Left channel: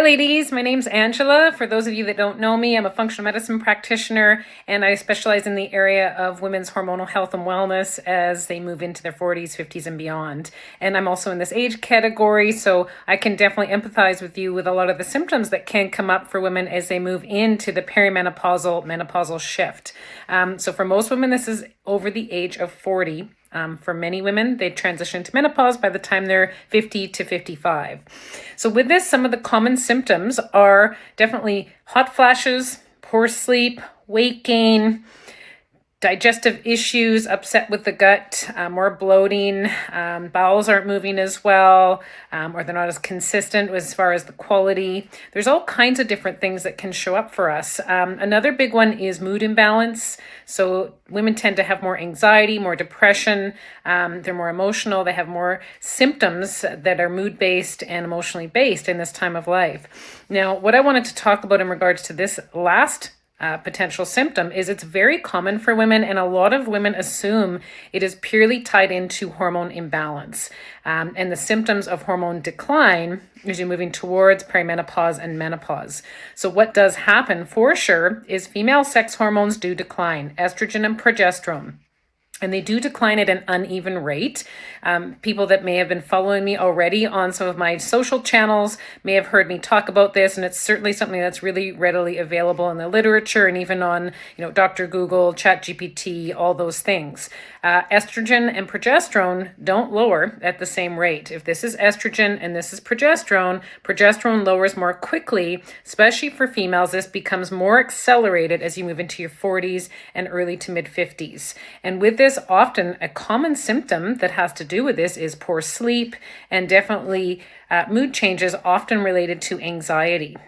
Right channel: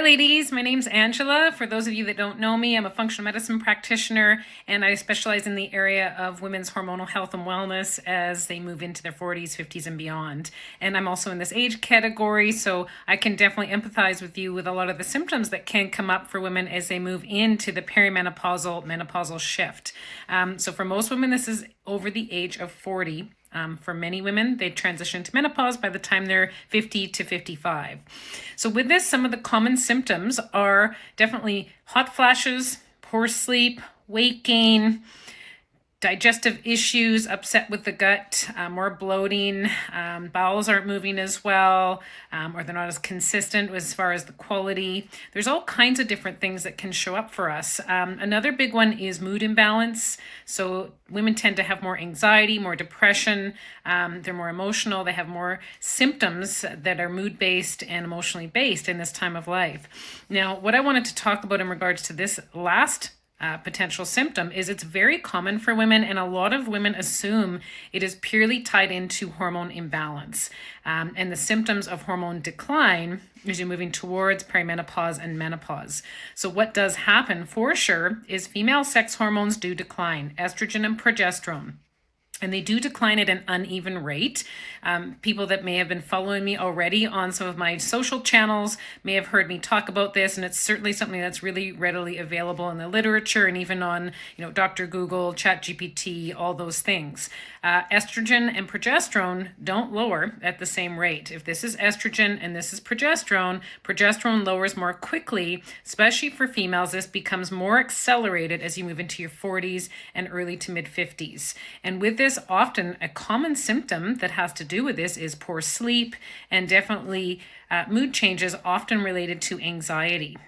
Hi ladies, my name's Angela. For those of you that don't know me, I'm a functional medicine practitioner and I specialize in the area of women's hormonal health and wellness as they move into their 40s, 50s and beyond. And I'm also in this age category, so I can definitely empathize with you with a lot of the symptoms that can come up for women as they move into the perimenopausal, menopausal shift. So for most women, this is over the age of 40. For many women, they transition to menopause by the time they're 50 to 55. So with this, some of the common symptoms are definitely hot flashes, poor sleep, weight gain, digestive issues, upset with the gut, more bloating, bowels aren't moving as well, or they're not as consistent as far as the quality. There's all kinds of different things that can show up for us. Another big one is mood imbalance. So women tend to have more anxiety, more depression, they're more emotional, they have more symptoms that are mood-based and emotionally based in this time of life. Now, what I wanted to talk about in regards to this last potential symptom is it's very common for women, and a lot of women assume it is purely tied into hormone imbalance. And the symptoms of hormone decline as you're moving towards perimenopause and menopause. So what does happen for sure is female sex hormones do decline, estrogen and progesterone. And they do decline at an uneven rate. People that may have been following me already on some of my social channels may have heard me talk about this, and it's certainly something that's really readily available in the literature and even on, Dr. Google, ChatGPT, all those things. Estrogen and progesterone don't lower at the same rate. If this is estrogen and this is progesterone, progesterone lowers more quickly, especially for females. This becomes more accelerated as you move into your 40s and early to mid 50s. And with this, often a common symptom that has to do with this is poor sleep and definitely mood changes, often related to anxiety.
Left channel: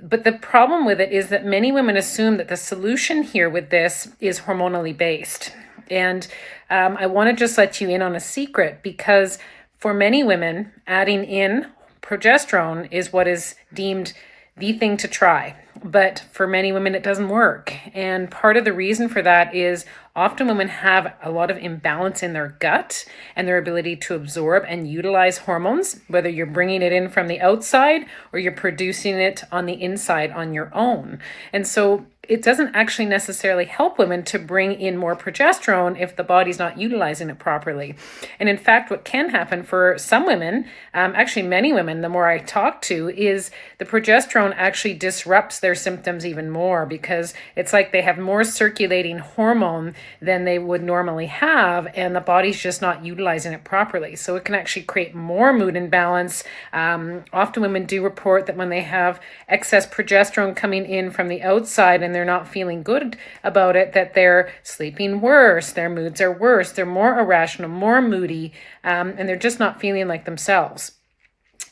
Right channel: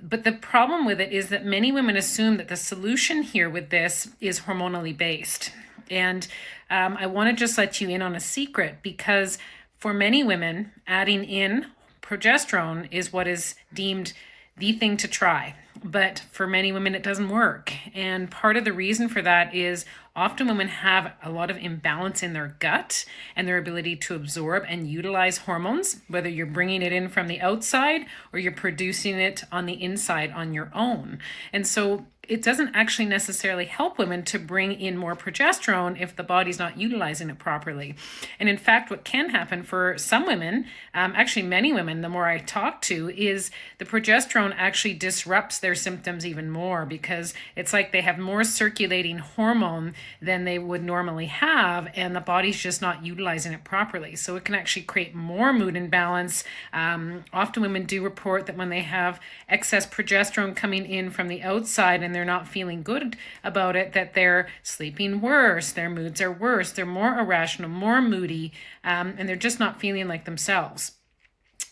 But the problem with it is that many women assume that the solution here with this is hormonally based. And I want to just let you in on a secret, because for many women, adding in progesterone is what is deemed the thing to try. But for many women, it doesn't work. And part of the reason for that is often women have a lot of imbalance in their gut and their ability to absorb and utilize hormones, whether you're bringing it in from the outside or you're producing it on the inside on your own. And so it doesn't actually necessarily help women to bring in more progesterone if the body's not utilizing it properly. And in fact, what can happen for some women, actually many women, the more I talk to, is the progesterone actually disrupts their symptoms even more, because it's like they have more circulating hormone than they would normally have, and the body's just not utilizing it properly. So it can actually create more mood imbalance. Often women do report that when they have excess progesterone coming in from the outside and they're not feeling good about it, that they're sleeping worse, their moods are worse, they're more irrational, more moody, and they're just not feeling like themselves.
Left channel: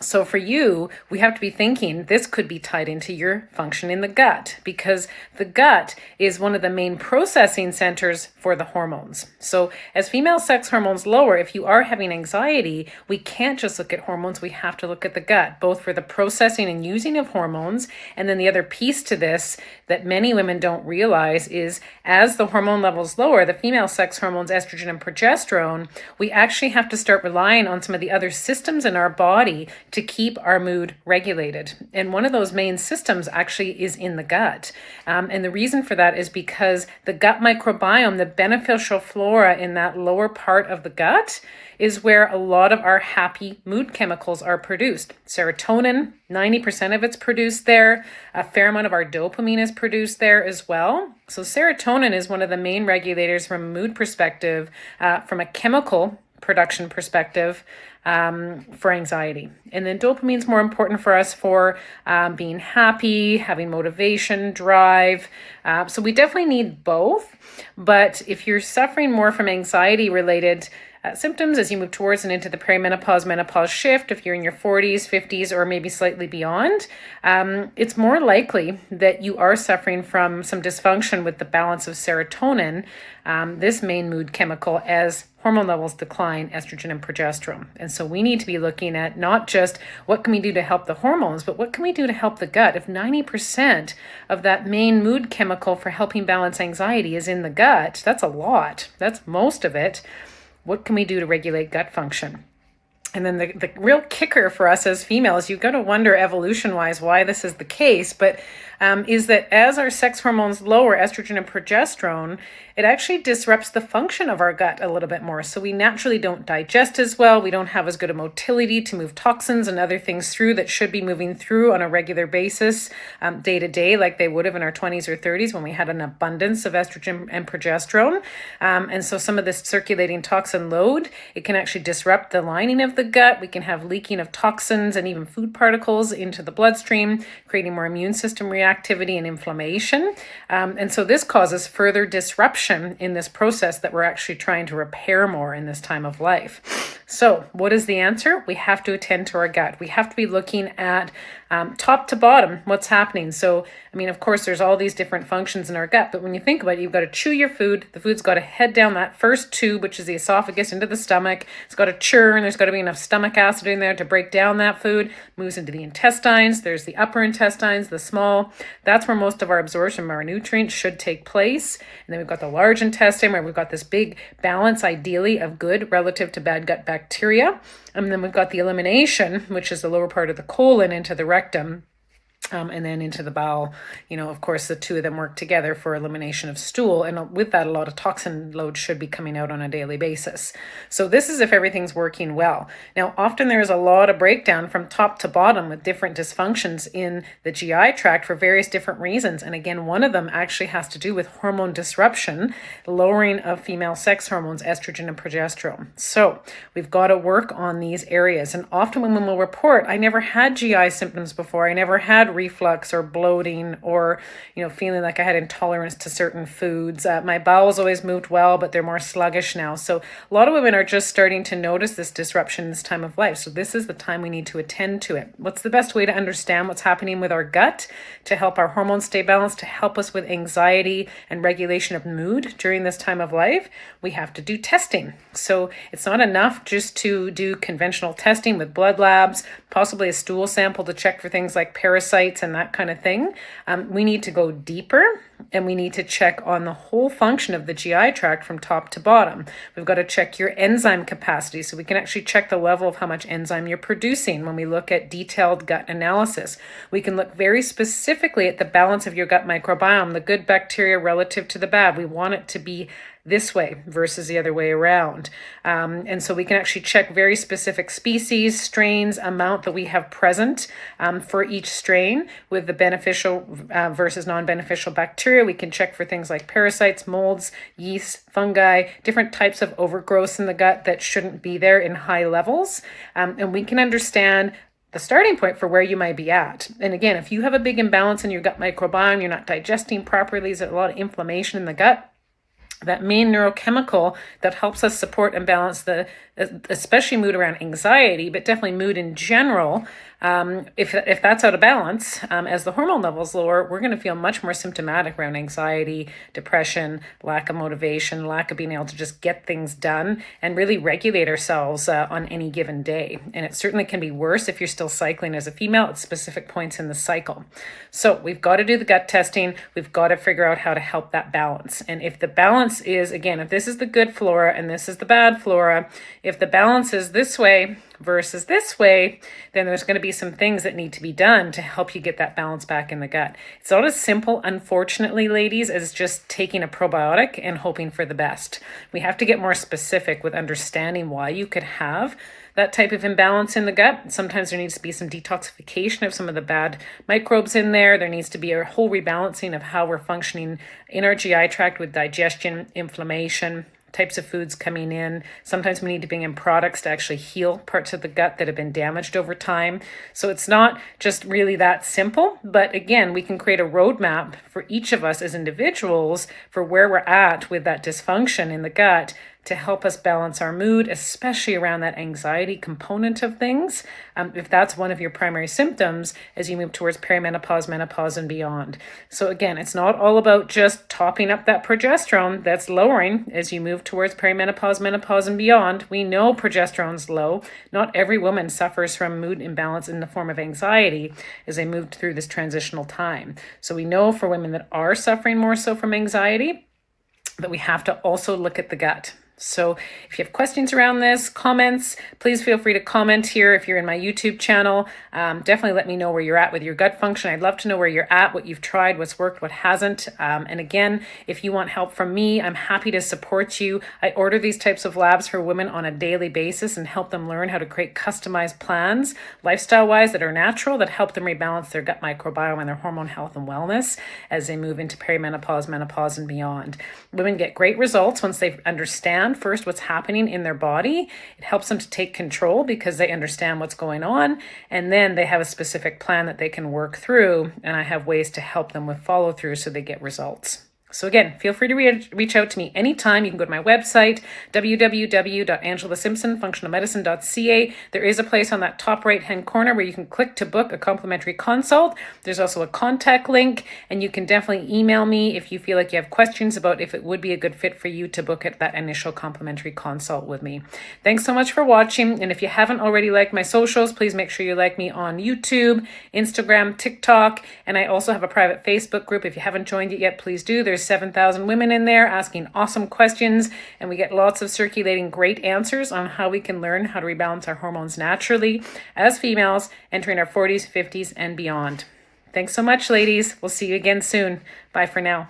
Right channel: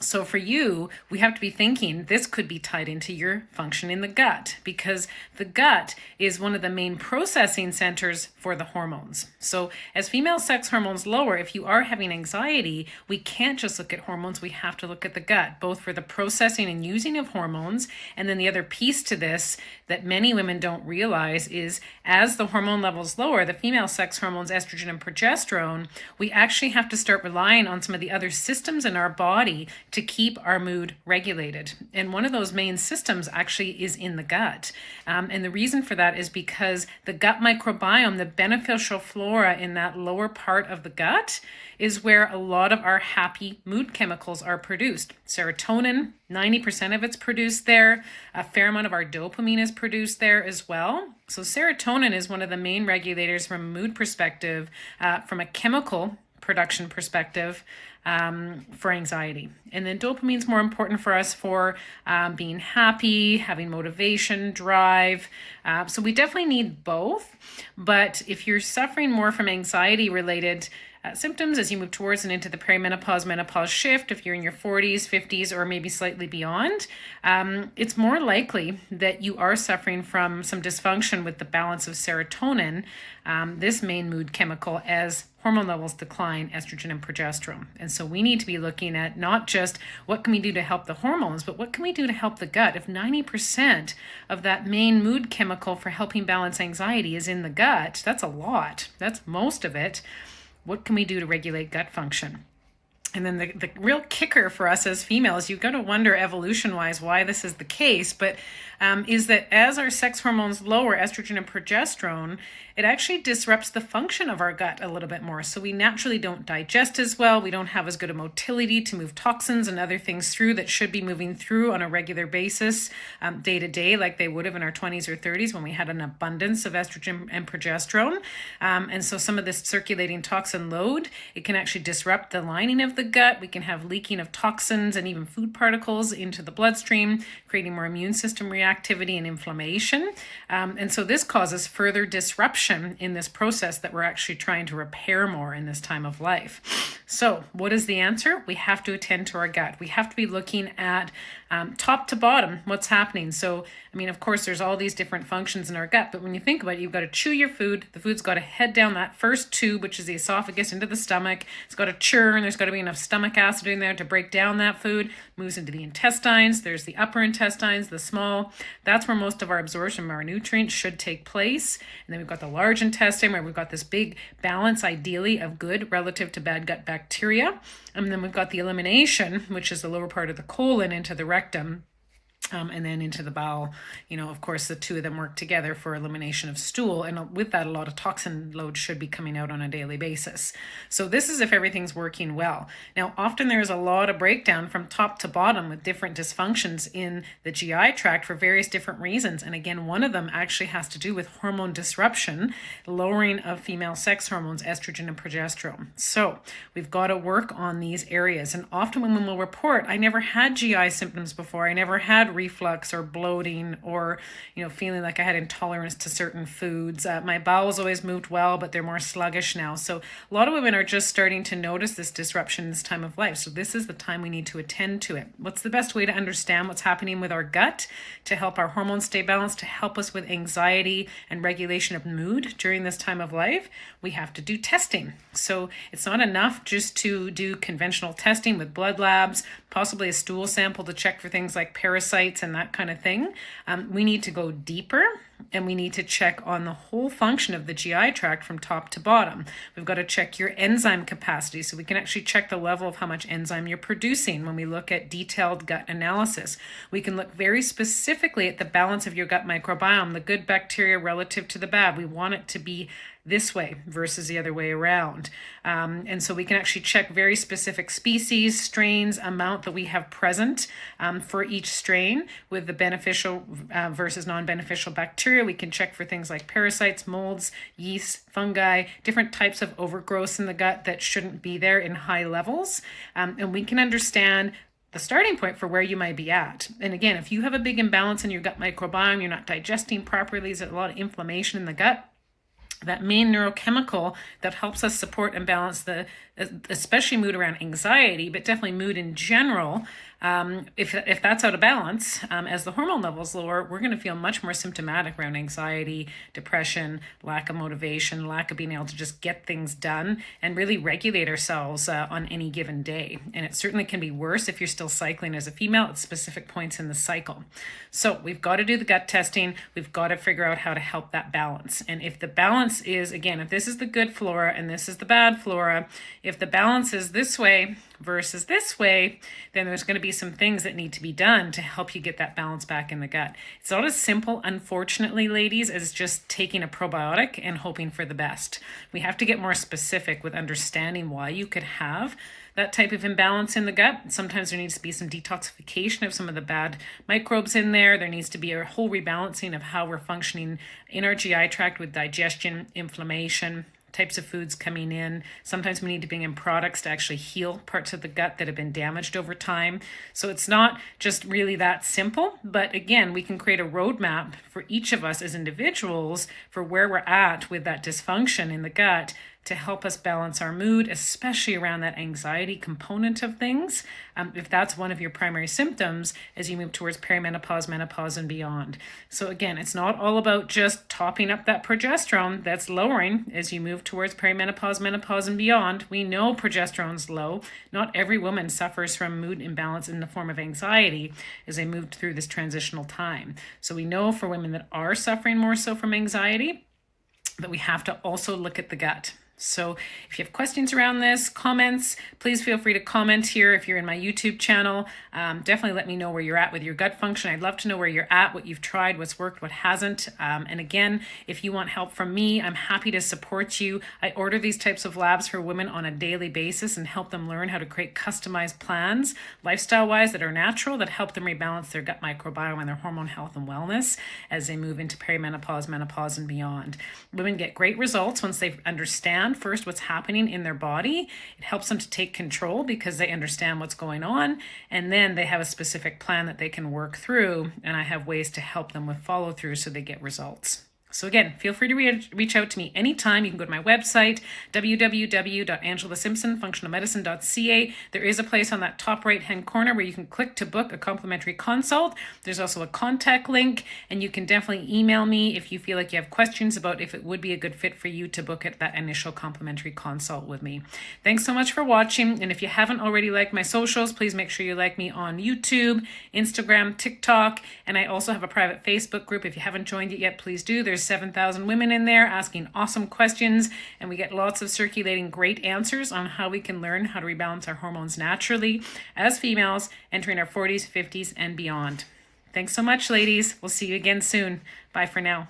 So for you, we have to be thinking this could be tied into your function in the gut, because the gut is one of the main processing centers for the hormones. So as female sex hormones lower, if you are having anxiety, we can't just look at hormones. We have to look at the gut, both for the processing and using of hormones. And then the other piece to this that many women don't realize is as the hormone levels lower, the female sex hormones, estrogen and progesterone, we actually have to start relying on some of the other systems in our body to keep our mood regulated. And one of those main systems actually is in the gut. And the reason for that is because the gut microbiome, the beneficial flora in that lower part of the gut, is where a lot of our happy mood chemicals are produced. Serotonin, 90% of it's produced there. A fair amount of our dopamine is produced there as well. So serotonin is one of the main regulators from a mood perspective, from a chemical production perspective, for anxiety. And then dopamine is more important for us for being happy, having motivation, drive. So we definitely need both. But if you're suffering more from anxiety related symptoms as you move towards and into the perimenopause, menopause shift, if you're in your 40s, 50s, or maybe slightly beyond, it's more likely that you are suffering from some dysfunction with the balance of serotonin, this main mood chemical, as hormone levels decline, estrogen and progesterone. And so we need to be looking at not just what can we do to help the hormones, but what can we do to help the gut? If 90% of that main mood chemical for helping balance anxiety is in the gut, that's a lot. That's most of it. What can we do to regulate gut function? And then the real kicker for us as females, you've got to wonder evolution-wise why this is the case, but is that as our sex hormones lower, estrogen and progesterone, it actually disrupts the function of our gut a little bit more. So we naturally don't digest as well. We don't have as good a motility to move toxins and other things through that should be moving through on a regular basis, day to day, like they would have in our 20s or 30s when we had an abundance of estrogen and progesterone. And so some of this circulating toxin load, it can actually disrupt the lining of the gut. We can have leaking of toxins and even food particles into the bloodstream, creating more immune system reactivity and inflammation. And so this causes further disruption in this process that we're actually trying to repair more in this time of life. So what is the answer? We have to attend to our gut. We have to be looking at top to bottom what's happening. So, I mean, of course, there's all these different functions in our gut, but when you think about it, you've got to chew your food. The food's got to head down that first tube, which is the esophagus, into the stomach. It's got to churn. There's got to be enough stomach acid in there to break down that food. Moves into the intestines. There's the upper intestines, the small. That's where most of our absorption of our nutrients should take place. And then we've got the large intestine where we've got this big balance, ideally, of good relative to bad gut bacteria. And then we've got the elimination, which is the lower part of the colon into the rectum. And then into the bowel. Of course, the two of them work together for elimination of stool. And with that, a lot of toxin load should be coming out on a daily basis. So this is if everything's working well. Now, often there is a lot of breakdown from top to bottom with different dysfunctions in the GI tract for various different reasons. And again, one of them actually has to do with hormone disruption, lowering of female sex hormones, estrogen and progesterone. So we've got to work on these areas. And often women will report, I never had GI symptoms before. I never had reflux or bloating or, feeling like I had intolerance to certain foods. My bowels always moved well, but they're more sluggish now. So a lot of women are just starting to notice this disruption in this time of life. So this is the time we need to attend to it. What's the best way to understand what's happening with our gut to help our hormones stay balanced, to help us with anxiety and regulation of mood during this time of life? We have to do testing. So it's not enough just to do conventional testing with blood labs, possibly a stool sample to check for things like parasites and that kind of thing. We need to go deeper, and we need to check on the whole function of the GI tract from top to bottom. We've got to check your enzyme capacity, so we can actually check the level of how much enzyme you're producing when we look at detailed gut analysis. We can look very specifically at the balance of your gut microbiome, the good bacteria relative to the bad. We want it to be this way versus the other way around. And so we can actually check very specific species, strains, amount that we have present for each strain with the beneficial versus non-beneficial bacteria. We can check for things like parasites, molds, yeast, fungi, different types of overgrowth in the gut that shouldn't be there in high levels. And we can understand the starting point for where you might be at. And again, if you have a big imbalance in your gut microbiome, you're not digesting properly, there's a lot of inflammation in the gut, that main neurochemical that helps us support and balance the, especially mood around anxiety, but definitely mood in general. If that's out of balance, as the hormone levels lower, we're going to feel much more symptomatic around anxiety, depression, lack of motivation, lack of being able to just get things done and really regulate ourselves on any given day. And it certainly can be worse if you're still cycling as a female at specific points in the cycle. So we've got to do the gut testing. We've got to figure out how to help that balance. And if the balance is, again, if this is the good flora and this is the bad flora, if the balance is this way versus this way, then there's going to be some things that need to be done to help you get that balance back in the gut. It's not as simple, unfortunately, ladies, as just taking a probiotic and hoping for the best. We have to get more specific with understanding why you could have that type of imbalance in the gut. Sometimes there needs to be some detoxification of some of the bad microbes in there. There needs to be a whole rebalancing of how we're functioning in our GI tract with digestion, inflammation, types of foods coming in. Sometimes we need to bring in products to actually heal parts of the gut that have been damaged over time. So it's not just really that simple, but again, we can create a roadmap for each of us as individuals for where we're at with that dysfunction in the gut to help us balance our mood, especially around that anxiety component of things, if that's one of your primary symptoms as you move towards perimenopause, menopause, and beyond. So again, it's not all about just topping up that progesterone that's lowering as you move towards perimenopause, menopause, and beyond. We know progesterone's low. Not every woman suffers from mood imbalance in the form of anxiety as they move through this transitional time. So we know for women that are suffering more so from anxiety, but we have to also look at the gut. So if you have questions around this, comments, please feel free to comment here. If you're in my YouTube channel, definitely let me know where you're at with your gut function. I'd love to know where you're at, what you've tried, what's worked, what hasn't. And again, if you want help from me, I'm happy to support you. I order these types of labs for women on a daily basis and help them learn how to create customized plans, lifestyle-wise, that are natural, that help them rebalance their gut microbiome and their hormone health and wellness as they move into perimenopause, menopause, and beyond. Women get great results once they understand first what's happening in their body. It helps them to take control because they understand what's going on, and then they have a specific plan that they can work through, and I have ways to help them with follow through so they get results. So again, feel free to reach out to me anytime. You can go to my website, www.angelasimpsonfunctionalmedicine.ca. There is a place on that top right-hand corner where you can click to book a complimentary consult. There's also a contact link, and you can definitely email me if you feel like you have questions about if it would be a good fit for you to book at that initial complimentary consult with me. Thanks so much for watching, and if you haven't already liked my socials, please make sure you like me on YouTube, Instagram, TikTok, and I also have a private Facebook group. If you haven't joined it yet, please do. There's 7,000 women in there asking awesome questions, and we get lots of circulating great answers on how we can learn how to rebalance our hormones naturally as females entering our 40s, 50s, and beyond. Thanks so much, ladies. We'll see you again soon. Bye for now.